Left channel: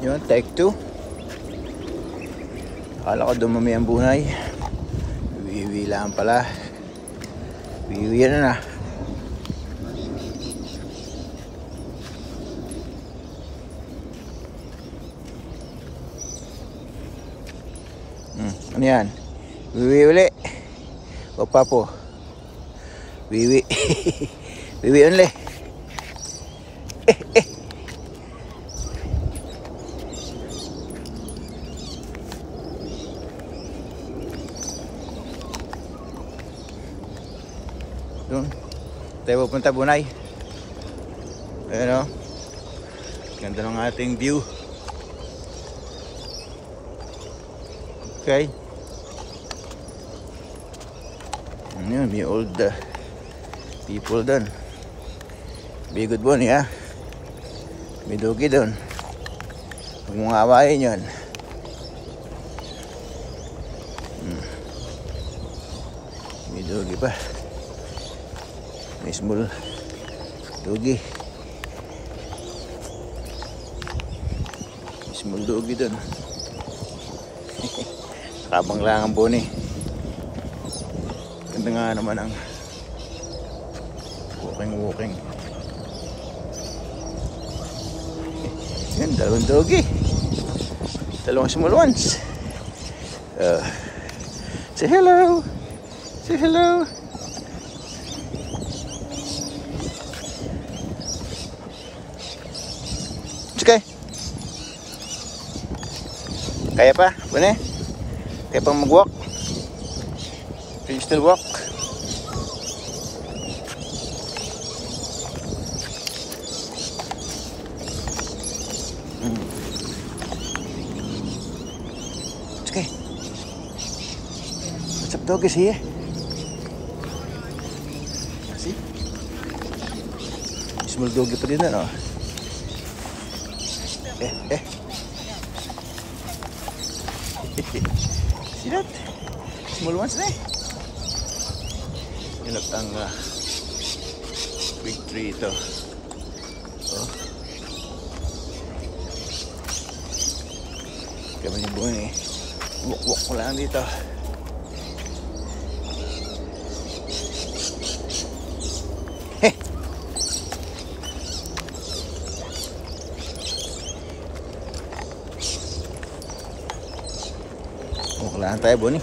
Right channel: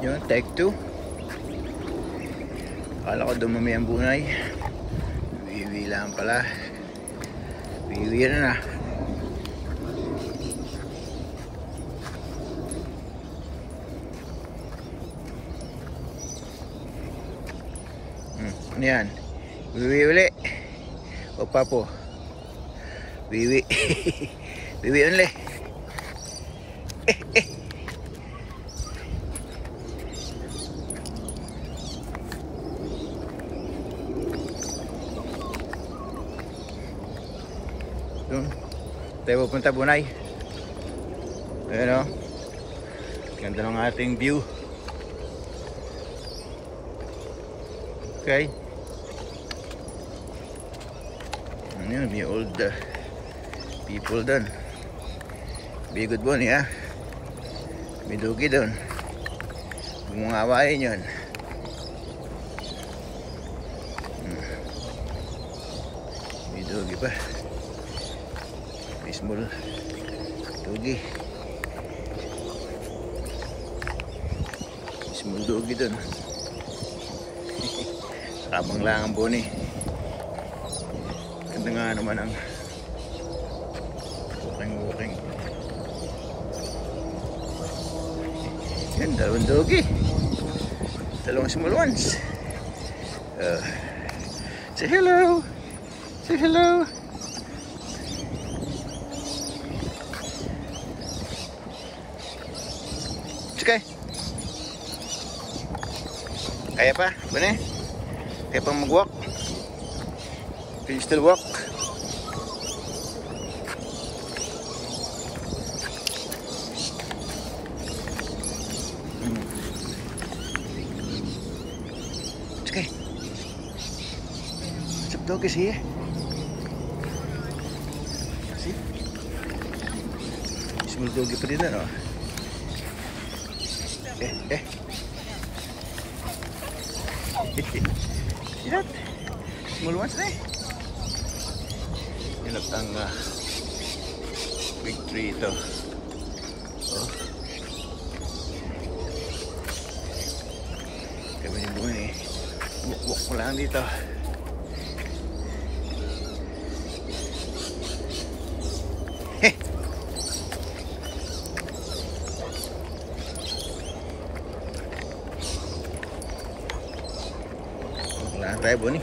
Yun, take 2. Akala ko dumami ang bunay. Wiwi lang pala. Wiwi na. Ano yan? Wiwi uli. O papo. Wiwi. Wiwi uli. Doon tayo pupunta bunay. Ayan o, ganda ng ating view. Okay, ayan, may old people doon. Be good bunny ha. May dugi doon. Huwag mong awayin yun. May dugi pa. May small dugi. May small dugi doon. Kabang lang ang buni. Ganda nga naman ang walking. Yan, dalawang dugi. Dalawang small ones. Say hello. Say hello. Okay. Kaya pa? Bune? Kaya pang mag-walk? Can you still walk? It's okay. What's up, dog is here? See? Small dog pa din na, no? See that? Small ones na eh. Yun ang big tree ito. Oh. Kami yung buhay eh. Walk ko lang dito. Walk lang tayo, Bonnie.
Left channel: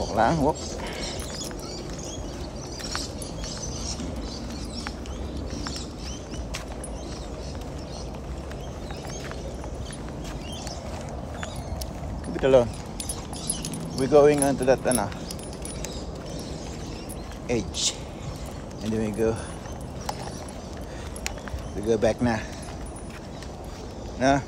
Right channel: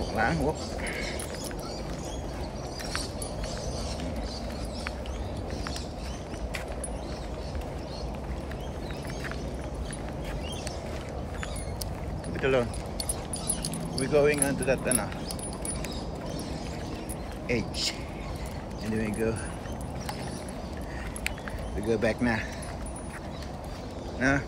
Walk lang, walk. Leave it alone. We're going on to that edge. And then we go back na. No?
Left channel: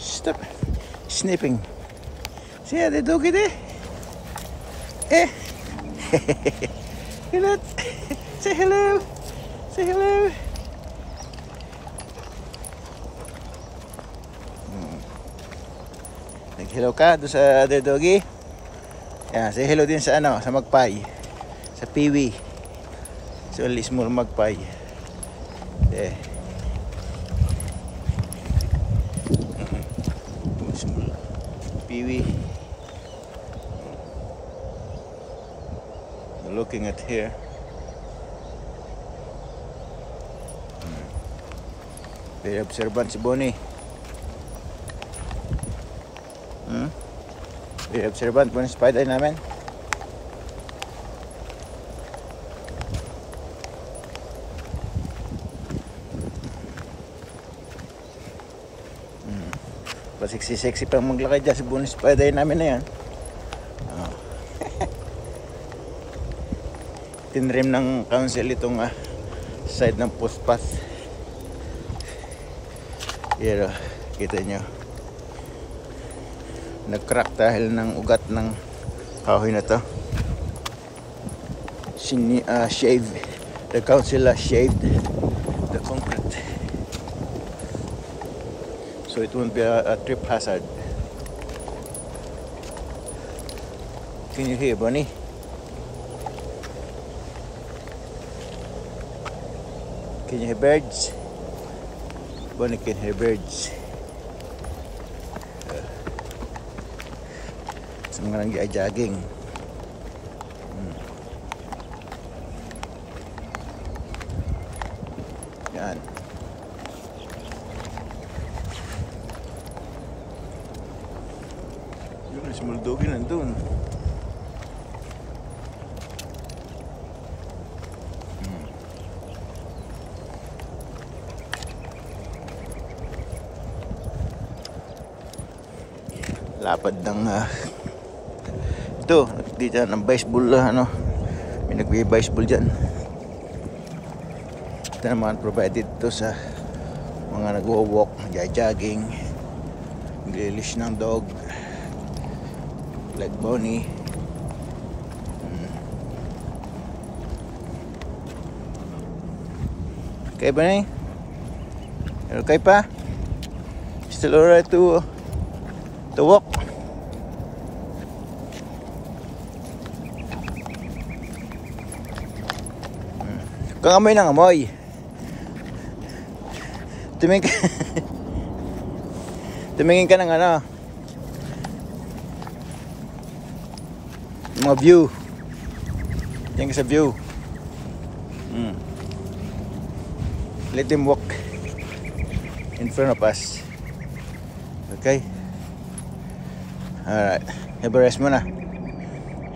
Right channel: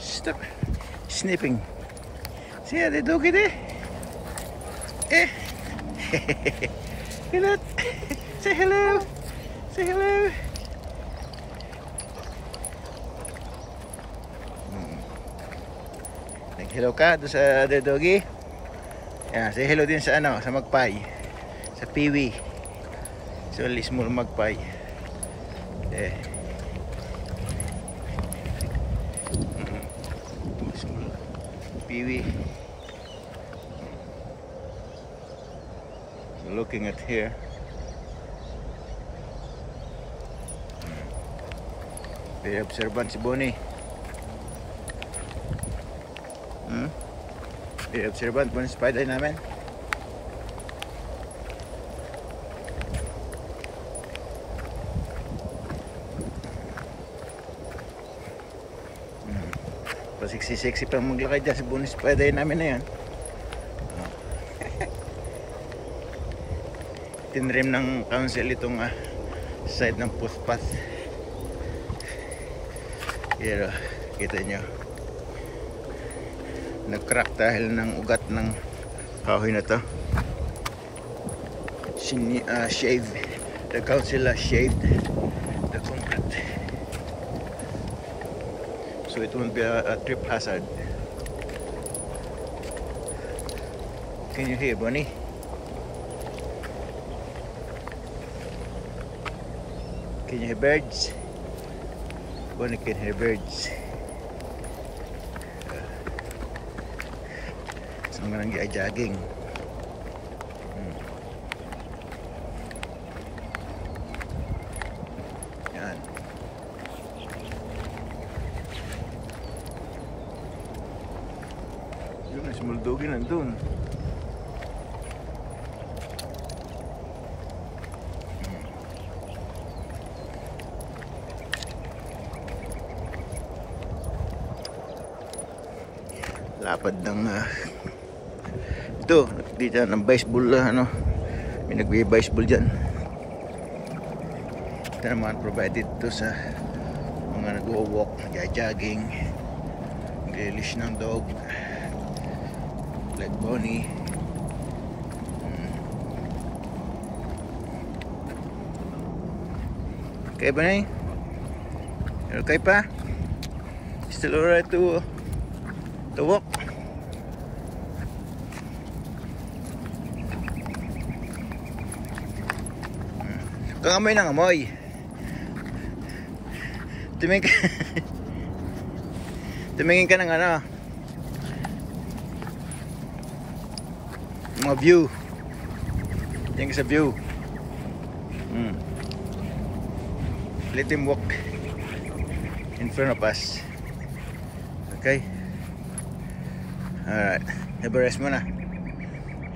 Stop snipping. See how they do it there? Eh? Hello. Say hello. Say hello. Nag-hello ka doon sa other doggy? Yan, say hello din sa sa magpay. Sa piwi. So, small magpay. Eh. Small piwi. We're looking at here. Very observant si Bonnie. Very observant po ng spider namin. Pasiksi-sexy pang maglakay dyan si Bonnie spider namin na yan. Tinrim ng council itong side ng footpath. Yan, kita nyo. Nag-crack dahil ng ugat ng kahoy na to. shaved. The council has shaved the concrete, so it won't be a trip hazard. Can you hear Bonnie? Can you hear birds? Bonnie can hear birds. Sa mga nag-jogging. Yan. Yun na si Muldogi nandun. Lapad ng ito, dito ng baseball may nagbe-baseball dyan. Ito naman provided to sa mga nagwo-walk, nagja-jogging, naglilish ng dog like Bonnie. Okay ba na? Okay pa? Still alright to walk? Kang amoy ng amoy. Tumingin ka. Tumingin ka ng mga view. Tingin sa view. Let them walk in front of us. Okay? Alright. Have a rest muna.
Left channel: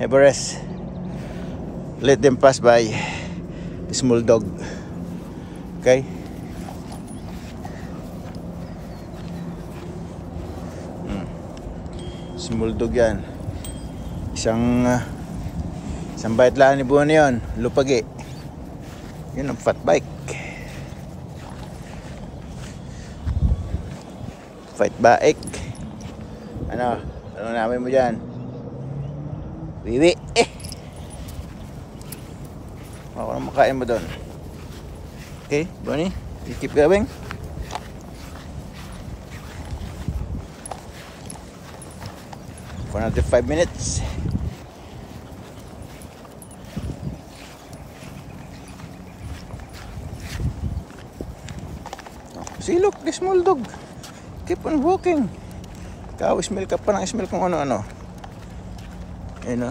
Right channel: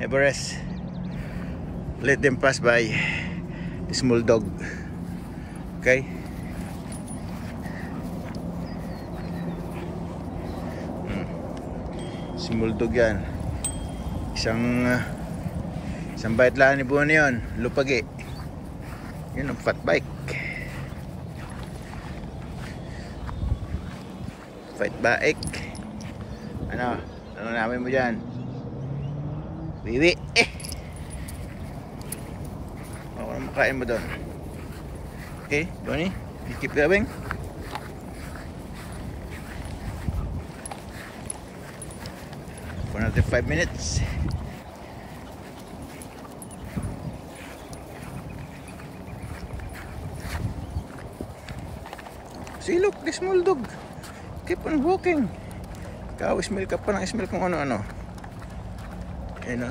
Have a rest. Let them pass by. The small dog. Okay? Small dog yan. Isang bite lang ni Bonnie yun. Lupagi. Yun ang fat bike. Fat bike. Ano namin mo dyan? Wiwi. Ako na makain mo doon. Okay, Bonnie, you keep going. For another 5 minutes. See, look, the small dog. Keep on walking. Ikaw, smell ka pa ng smell kung ano-ano. Ayun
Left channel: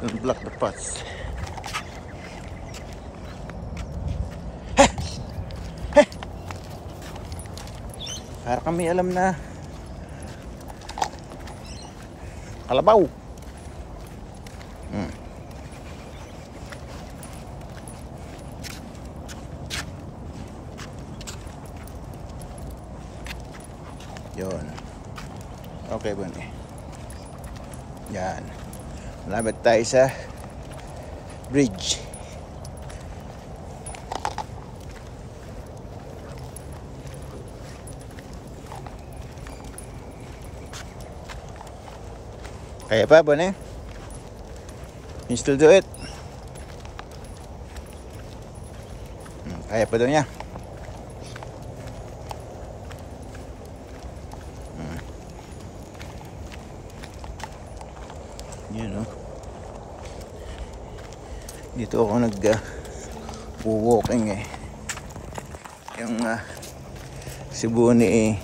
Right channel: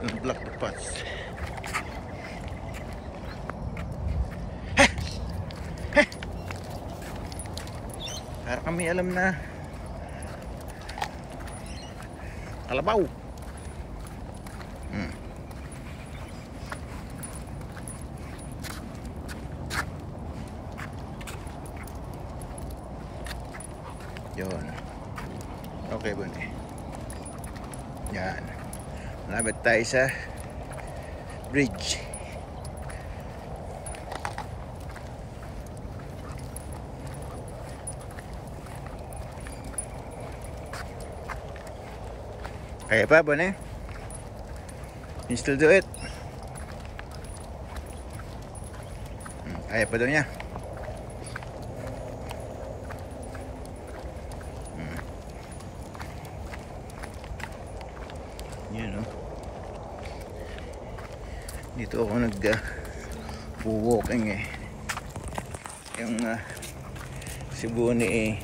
yung block the path. Para kami alam na kalabaw. Yun. Okay, Bonnie. Yan. Malapit tayo sa bridge. Kaya pa, Bonnie? You still do it? Kaya pa daw niya. Yan, dito ako walking yung si Bonnie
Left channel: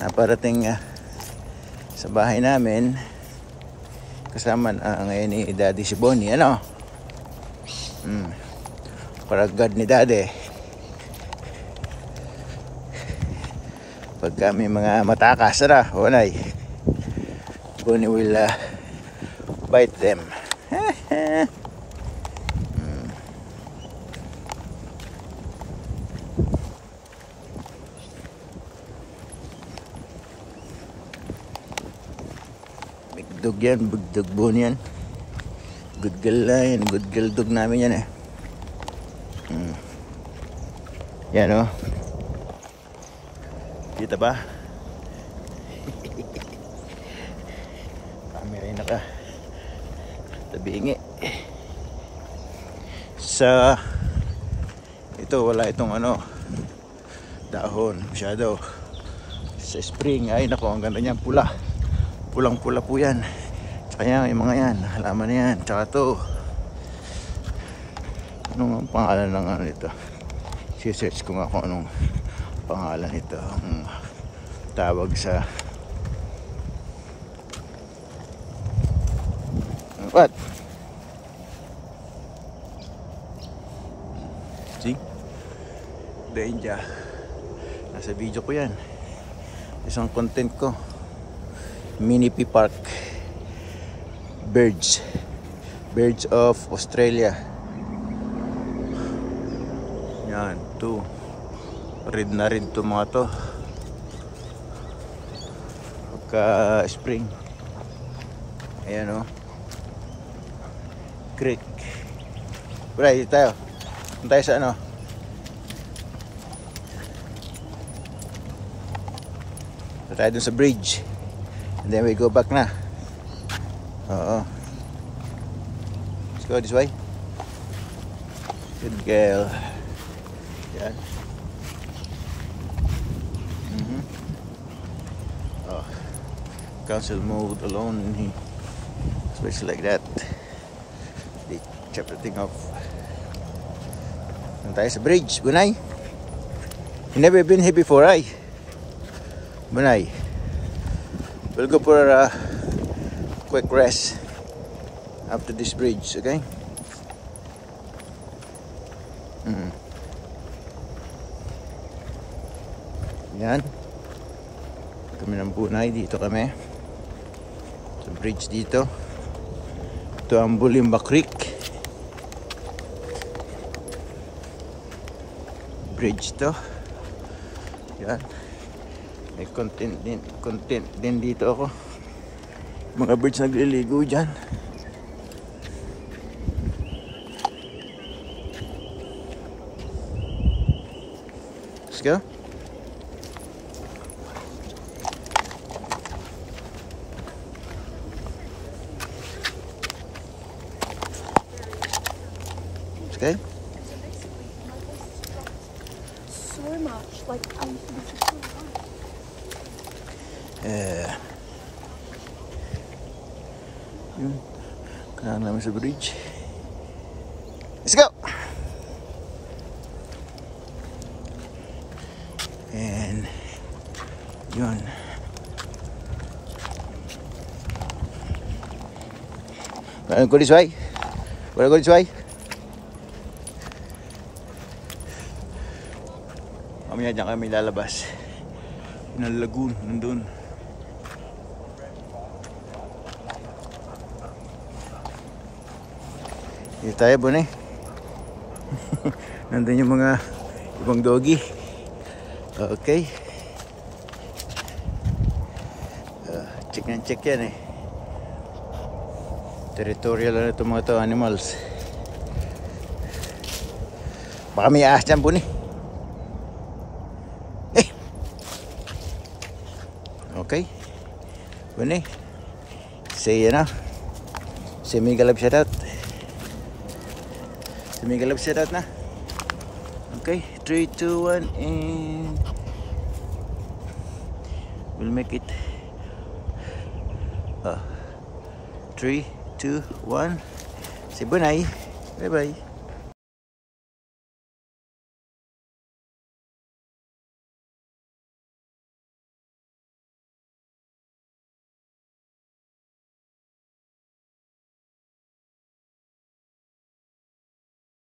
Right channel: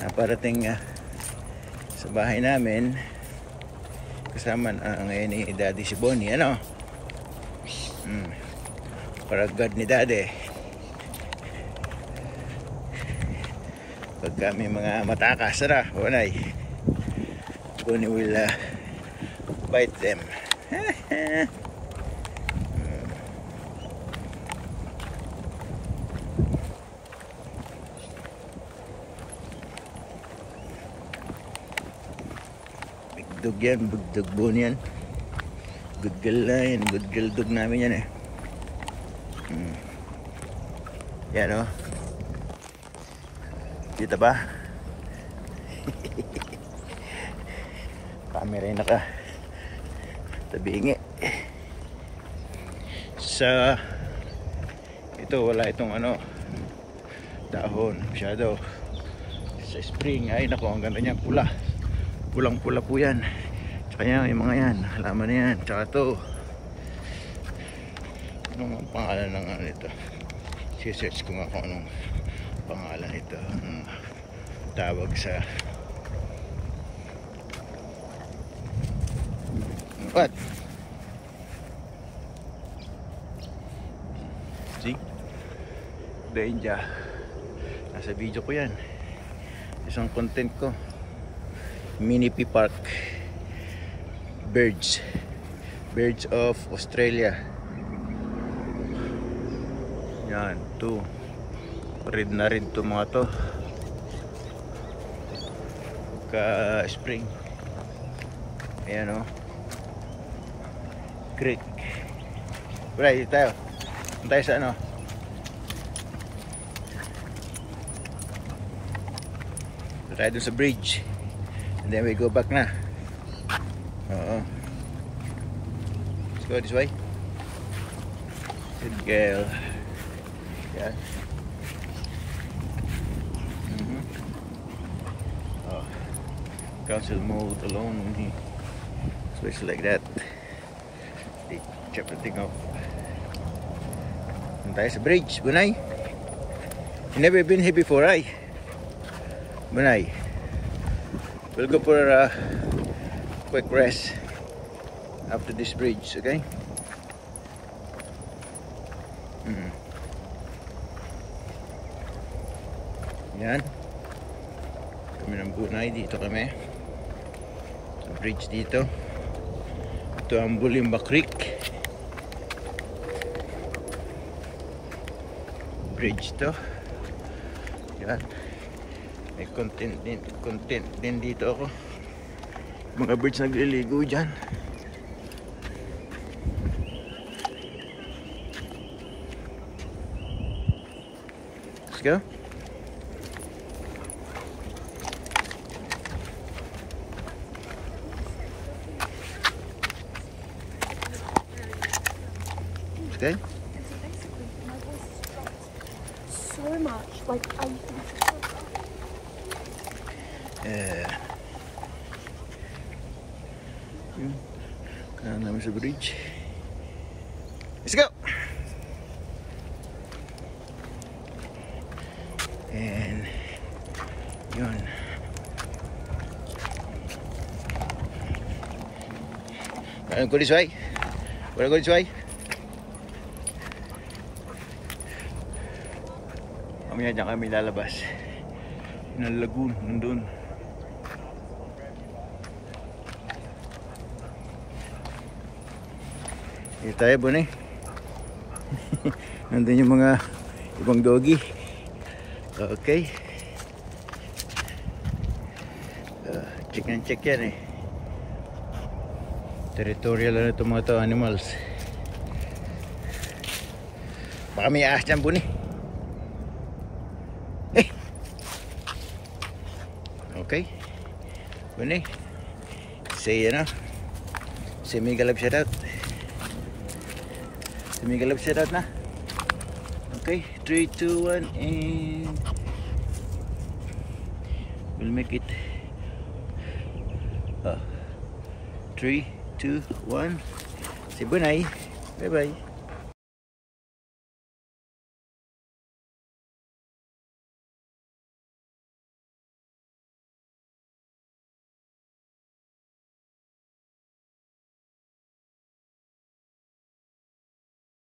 naparating sa bahay namin kasama ngayon ni Daddy si Bonnie, paragad ni Daddy pag kami mga matakas Bonnie will bite them. Bigdog yan, bigdog Bonnie yan. Good girl na yan, good girl dog namin yan Yan kita ba? Camera na ka tabingi. Sa ito wala itong ano dahon masyado. Sa spring ay nako, ang ganda niyan, pula, pulang pula po yan. Tsaka yan, yung mga yan halaman na yan. Tsaka to, anong pangalan ng ano nito, si-search ko nga kung anong pangalan nito, ang tawag sa what? See? Danger. Nasa video ko yan. Isang content ko. Minipi Park. Birds. Birds of Australia. Yan. To. Red na rin to mga to. Pagka spring. Ayan o. Creek. Bray, dito tayo. Dito tayo sa ano. Dito tayo dun sa bridge. And then we go back na. Oo. Let's go this way. Good girl. Yan. Oh. Council mode alone. Switch like that. They chop the thing off. Tayo sa bridge, Bunay. You never been here before, right? Bunay. We'll go for a quick rest after this bridge, okay? Yan. Kami ng Bunay, dito kami. Sa bridge dito. Ito ang Bulimba Creek. Bridge to. Yan. May content din dito ako. Mga birds nagliligo dyan. Let's go. Okay. So much, like I think it's so yun. Kailangan namin sa bridge. Let's go! And yun. Wanna go this way? Wanna go this way? Mamaya dyan kami lalabas. Yung lagoon, nandun. Dito tayo, Bunay. Nandun yung mga ibang doggy. Okay. Check yan eh. Territorial na itong mga to, animals. Baka may ahas dyan, Bunay. Okay. Bunay. Say na. Say mega love shout out. Say mega love shout out na. Okay. 3, 2, 1 and we'll make it 3, 2, 1. Say Bunay. Bye bye.